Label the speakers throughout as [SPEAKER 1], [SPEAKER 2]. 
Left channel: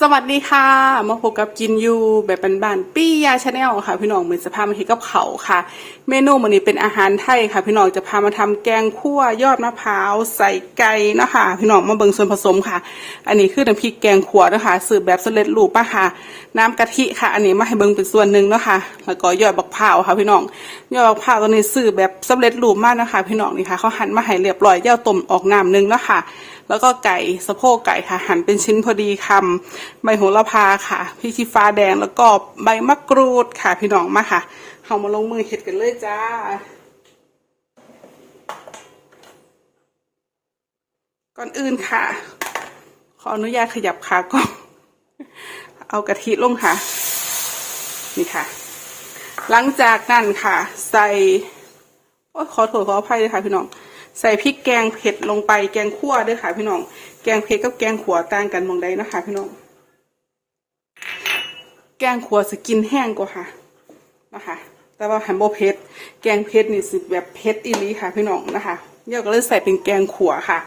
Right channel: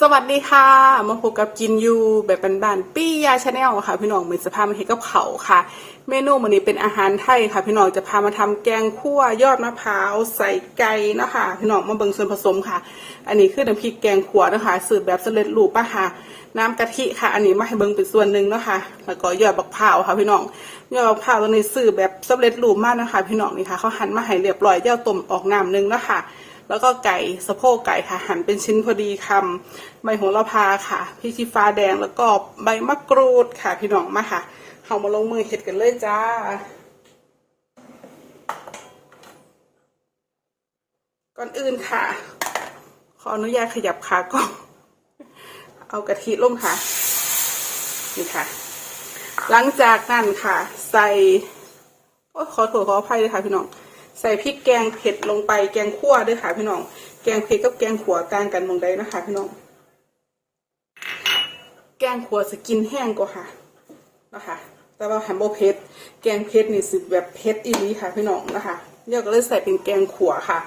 [SPEAKER 1] สวัสดีค่ะ มาพบกับกินยูแบบบานๆปี้ยาชาแนลค่ะ พี่น้องเหมือนจะพามาเห็นกับเขาค่ะ เมนูวันนี้เป็นอาหารไทยค่ะ พี่น้องจะพามาทำแกงคั่วยอดมะพร้าวใส่ไก่นะคะ พี่น้องมาเบิ่งส่วนผสมค่ะ อันนี้คือน้ำพริกแกงขัวนะคะสืบแบบสำเร็จรูปมาค่ะ น้ำกะทิค่ะ อันนี้มาให้เบิ่งเป็นส่วนหนึ่งนะคะแล้วก็ยอดบักพร้าวค่ะ พี่น้องยอดบักพร้าวตัวนี้สืบแบบสำเร็จรูปมากนะคะ พี่น้องนี่ค่ะเขาหั่นมาให้เรียบร้อยเย่าต้มออกน้ำหนึงแล้วค่ะแล้วก็ไก่สะโพกไก่ค่ะ หั่นเป็นชิ้นพอดีคำใบโหระพาค่ะพริกชี้ฟ้าแดงแล้วก็ใบมะกรูดค่ะพี่น้องมาค่ะเอามาลงมือเห็ดกันเลยจ้าก่อนอื่นค่ะ ขออนุญาตขยับขาก่อนเอากะทิลงค่ะ นี่ค่ะ หลังจากนั้นค่ะ ใส่โอ้ยขอโทษขออภัยเลยค่ะพี่น้อง ใส่พริกแกงเผ็ดลงไปแกงคั่วด้วยค่ะพี่น้อง แกงเผ็ดกับแกงขัวต่างกันมองใดนะคะ พี่น้อง แกงขัวสกินแห้งกว่าค่ะนะคะ แต่ว่าแฮมโบเผ็ดแกงเผ็ดนี่สิแบบเผ็ดอีลีค่ะ พี่น้องนะคะเดี๋ยวก็เลยใส่เป็นแกงขัวค่ะ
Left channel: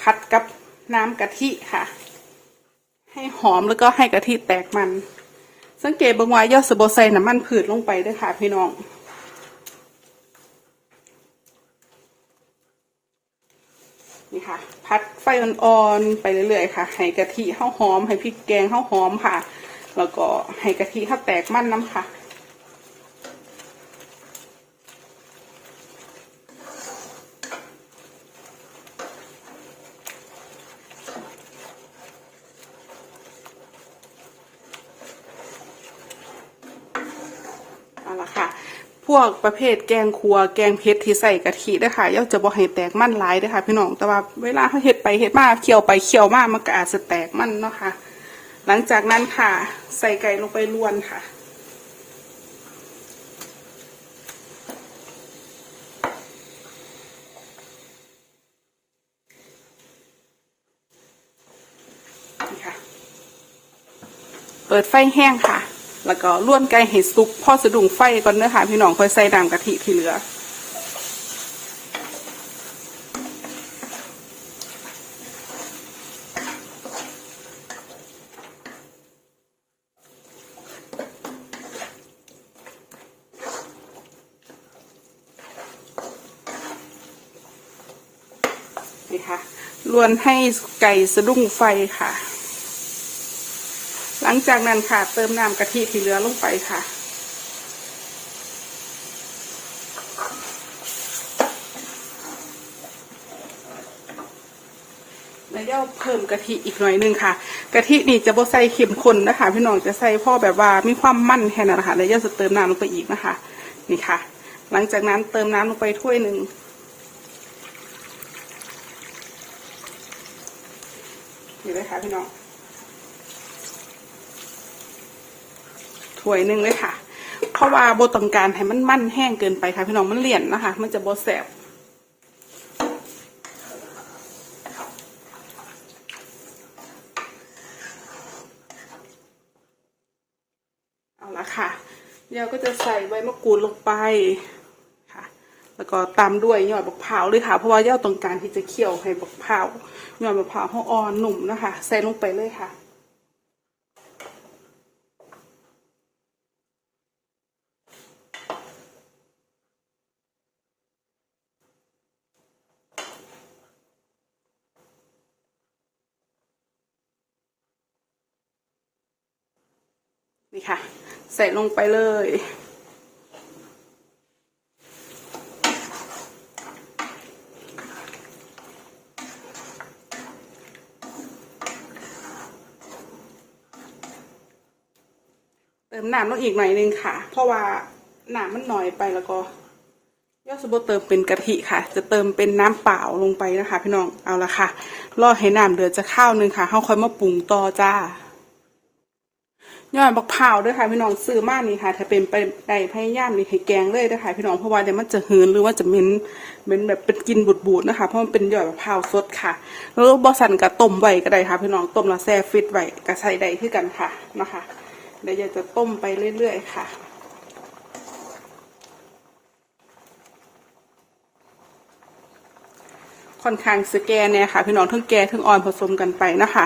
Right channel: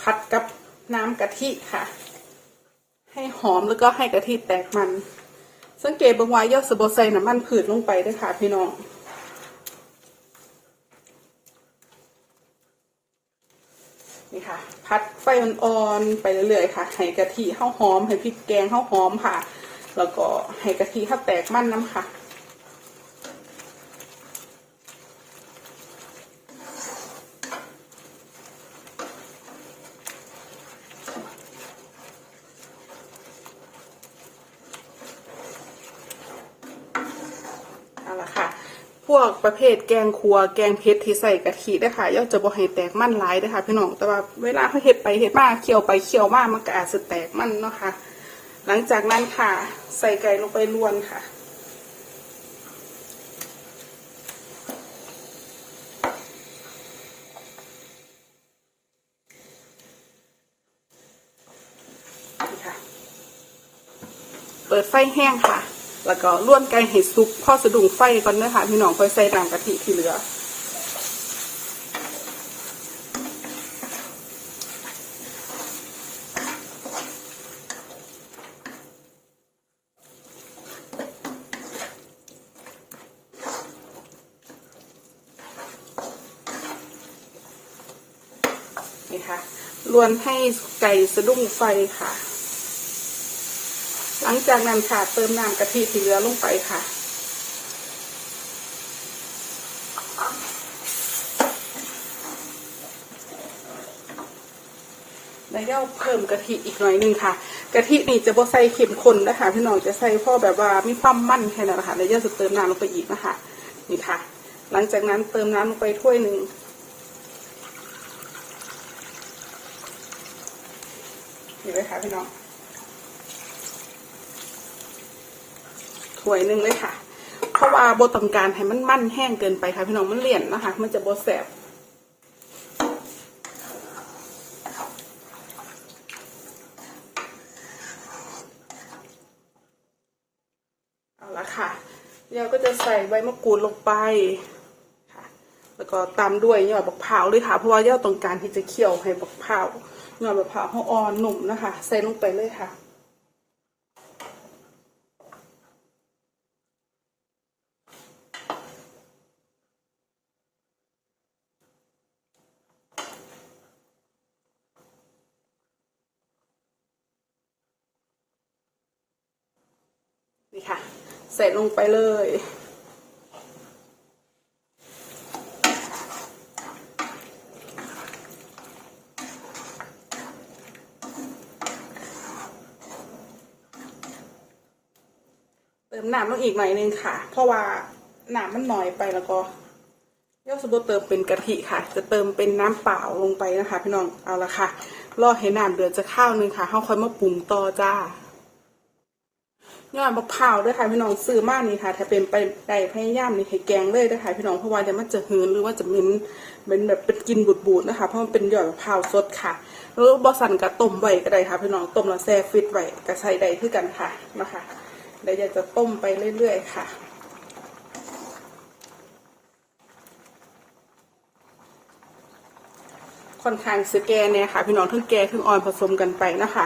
[SPEAKER 1] พัดกับน้ำกะทิค่ะ ให้หอมแล้วก็ให้กะทิแตกมัน สังเกตบางว่ายอดสะโบใส่น้ำมันผืดลงไปด้วยค่ะ พี่น้อง นี่ค่ะ พัดไฟอ่อนๆไปเรื่อยๆค่ะ ให้กะทิข้าวหอม ให้พริกแกงข้าวหอมค่ะ แล้วก็ให้กะทิข้าวแตกมันน้ำค่ะ เอาละค่ะ พ วกประเภทแกงครัว แกงเผ็ดที่ใส่กะทินะคะย่อจะบ่ให้แตกมันหลายเด้ค่ะพี่น้องแต่ว่าเวลาเขาเฮ็ดไปเฮ็ดมาเคี่ยวไปเคี่ยวมามันก็อาจจะแตกมันเนาะค่ะหลังจากนั้นค่ะ ใส่ไก่ลงไปลวนค่ะเปิดไฟแห้งค่ะ แล้วก็ล้วนไก่ให้สุกพอสะดุ้งไฟก่อนเนื้อค่ะพี่น้องค่อยใส่น้ำกะทิที่เหลือนี่ค่ะล้วนให้ไก่สะดุ้งไฟค่ะ ลังจากนั้นค่ะเติมน้ำกะทิที่เหลือลงไปค่ะแล้วเดี๋ยวเพิ่มกะทิอีกหน่อยนึงค่ะกะทิดีจะบ่ใส่เข็มข้นนะคะ พี่น้องจะใส่พ่อแบบว่ามีความมั่นแค่นั้นแหละค่ะแล้วเดี๋ยวจะเติมน้ำลงไปอีกนะคะ นี่ค่ะ หลังจากนั้นเติมน้ำลงไปถ้วยหนึ่งนี่เลยค่ะพี่น้อง ถ้วยหนึ่งเลยค่ะ เพราะว่าโบต้องการให้มันมันแห้งเกินไปค่ะพี่น้องมันเลี่ยนนะคะ มันจะโบแสบเอาละค่ะเดี๋ยวก็จะใส่ใบมะกรูดลงไปค่ะ แล้วก็ตามด้วยยอดบักพร้าวเลยค่ะ เพราะว่ายอดตรงกางที่จะเคี่ยวให้บักพร้าวยอดบักพร้าวเขาอ่อนหนุ่มนะคะ ใส่ลงไปเลยค่ะ นี่ค่ะ ใส่ลงไปเลย เติมน้ำลงอีกหน่อยนึงค่ะ เพราะว่าน้ำมันหน้อยไปแล้วก็ยอดสมบูรณ์เติมเป็นกะทิค่ะ จะเติมเป็นน้ำเปล่าลงไปนะคะ พี่น้อง เอาละค่ะ รอให้น้ำเดือดจะข้าวนึงค่ะเขาค่อยมาปรุงต่อจ้า ยอดบักพร้าด้วยค่ะพี่น้องซื้อมากนี่ค่ะถ้าเป็นไปได้พยายามนี่แกงเลยนะคะพี่น้องเพราะว่าเดี๋ยวมันจะหืนหรือว่าจะเหม็นเหม็นแบบเป็นกลินบูดๆนะคะ เพราะมันเป็นยอดบักพร้าสดค่ะ แล้วบอสันกับต้มไว้ก็ได้ค่ะพี่น้องต้มแล้วแช่ฟิตไว้ก็ใส่ได้คือกันค่ะนะคะเดี๋ยวอยาจะต้มไปเรื่อยๆค่ะค่อนข้างสแกนเนี่ยค่ะ พี่น้องทั้งแกทั้งออนผสมกันไปนะคะ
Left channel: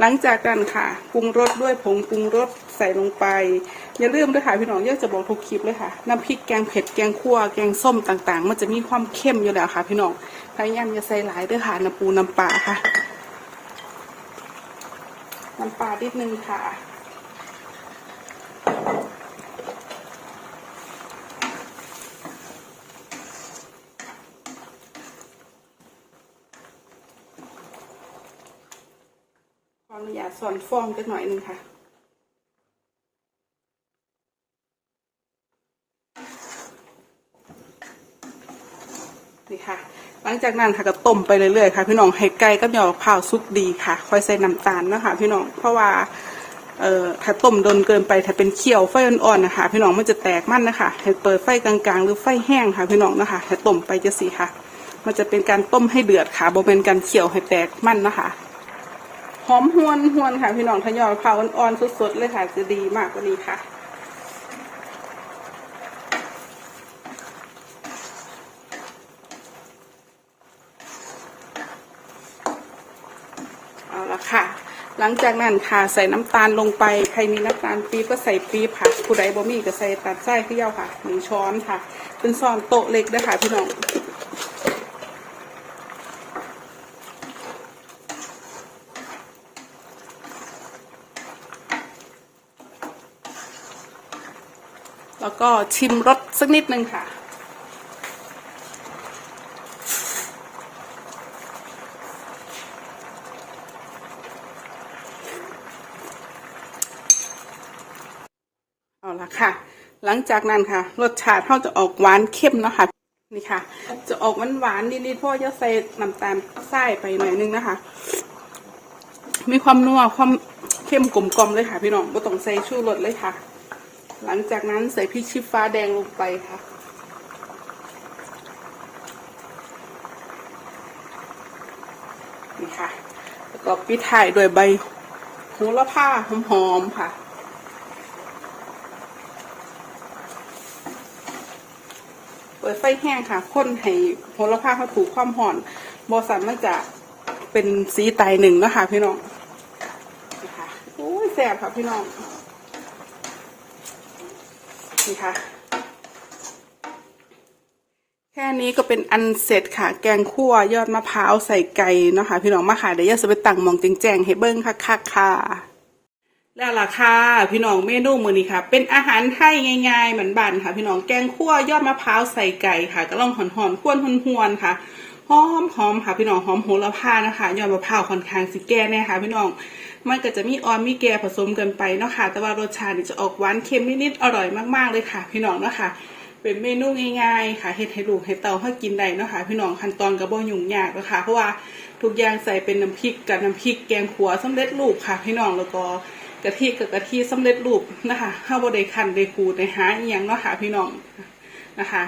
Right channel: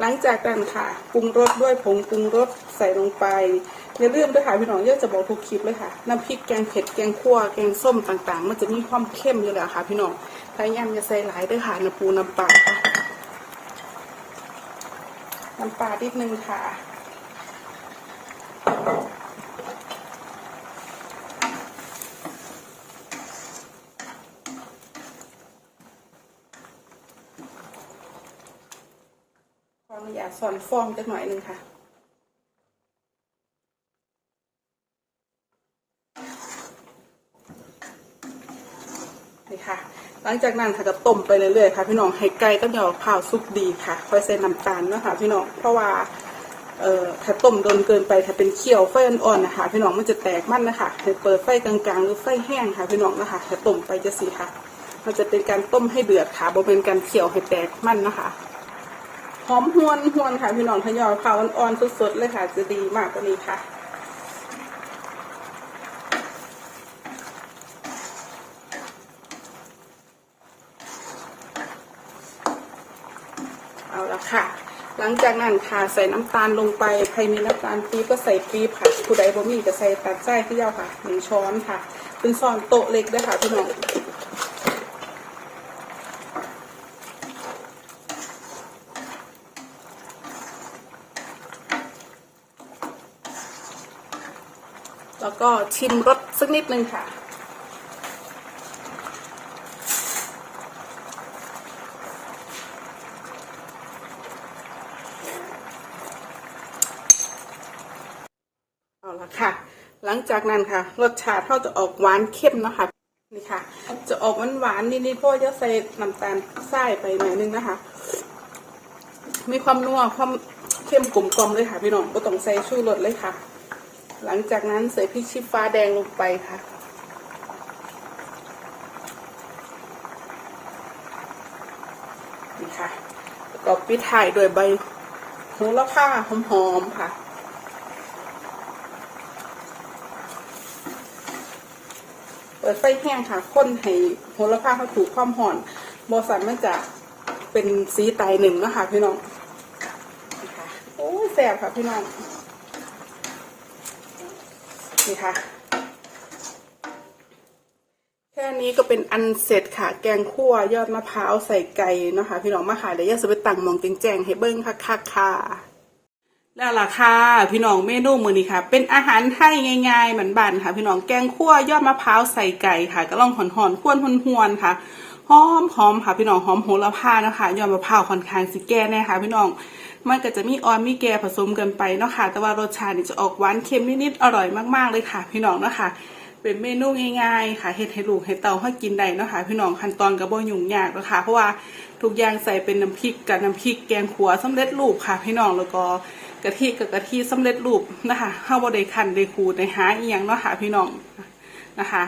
[SPEAKER 1] หลังจากนั้นค่ะปรุงรสด้วยผงปรุงรสใส่ลงไปอย่าลืมด้วยค่ะพี่น้องเยอะจะบอกทุกคลิปเลยค่ะน้ำพริกแกงเผ็ดแกงคั่วแกงส้มต่างๆ มันจะมีความเข้มอยู่แล้วค่ะ พี่น้องพยายามอย่าใส่หลายด้วยค่ะน้ำปูน้ำปลาค่ะน้ำปลาดิดนึงค่ะ ขออนุญาต สอนฟองจักหน่อยหนึ่งค่ะนี่ค่ะ หลังจากนั้นค่ะก็ต้มไปเรื่อยๆค่ะ พี่น้องให้ไก่กับยวมะพร้าวสุกดีค่ะค่อยใส่น้ำตาลนะคะพี่น้องเพราะว่าเอ่อถ้าต้มโดนเกินไปถ้าเป็นเคี่ยวไฟอ่อนๆนะคะ พี่น้องมันจะแตกมันนะคะให้เปิดไฟกลางๆ หรือไฟแห้งค่ะพี่น้องนะคะให้ต้มไปจะสีค่ะ มันจะเป็นการต้มให้เดือดค่ะบ่เป็นการเคี่ยวให้แตกมันนะคะ หอมหวนหวนค่ะพี่น้องทยอยมะพร้าวอ่อนๆสดๆเลยค่ะจะดีมากกว่านี้ค่ะเอาละค่ะ หลังจากนั้นค่ะใส่น้ำตาลลงไปใครมีน้ำตาลปี๊บก็ใส่ปี๊บค่ะผู้ใดบ่มีก็ใส่ตัดไส้ที่ยาค่ะหนึ่งช้อนค่ะ เป็นซองโต๊ะเล็กด้วยค่ะพี่น้อง แล้วก็ชิมรสสักนิดนึงค่ะ เอาละค่ะ หลังจากนั้นค่ะ รสชาติเขาจะออกหวานเข้มนะคะนี่ค่ะ จะออกหวานหวานๆนิดๆเพราะว่าจะใส่น้ำตาลทรายไปหน่อยนึงนะคะ มีความนัวความเข้มกลมกลมเลยค่ะ พี่น้องก็ต้องใส่ชูรสเลยค่ะ หลังจากนั้นใส่พริกชี้ฟ้าแดงลงไปค่ะ นี่ค่ะแล้วก็ปิดท้ายด้วยใบโหระพาหอมๆค่ะเปิดไฟแห้งค่ะข้นให้โหระพาเขาถูกความห่อนบอสันมันจะเป็นสีไตหนึ่งนะคะพี่น้องโอ้ยแสบค่ะพี่น้อง นี่ค่ะ แค่นี้ก็เป็นอันเสร็จค่ะ แกงคั่วยอดมะพร้าวใส่ไก่เนาะคะพี่น้องมาค่ะเดี๋ยวอยาจะไปตั้งมองแจงๆให้เบิ้งค่ะค่ะค่ะแล้วล่ะค่ะพี่น้องเมนูมือนี้ค่ะ เป็นอาหารไทยง่ายๆเหมือนบ้านค่ะ พี่น้องแกงคั่วยอดมะพร้าวใส่ไก่ค่ะ ก็ลองหอนๆควนหวนๆค่ะ หอมหอมค่ะพี่น้องหอมโหระพานะคะยอดมะพร้าวค่อนข้างสิแก่แน่ค่ะพี่น้องมันก็จะมีออมมีแก่ผสมกันไปเนาะค่ะแต่ว่ารสชาติจะออกหวานเค็มนิดๆอร่อยมากๆเลยค่ะ พี่น้องเนาะค่ะเป็นเมนูง่ายๆค่ะเฮ็ดให้ลูกให้เต่าให้กินได้เนาะค่ะพี่น้องขั้นตอนก็บ่ยุ่งยากนะคะเพราะว่าทุกอย่างใส่เป็นน้ำพริกกับน้ำพริกแกงขัวสำเร็จรูปค่ะ พี่น้องแล้วก็กะทิกับกะทิสำเร็จรูปนะคะเฮาบ่ได้คั่นได้ขูดได้หาอีหยังเนาะค่ะพี่น้องนะคะ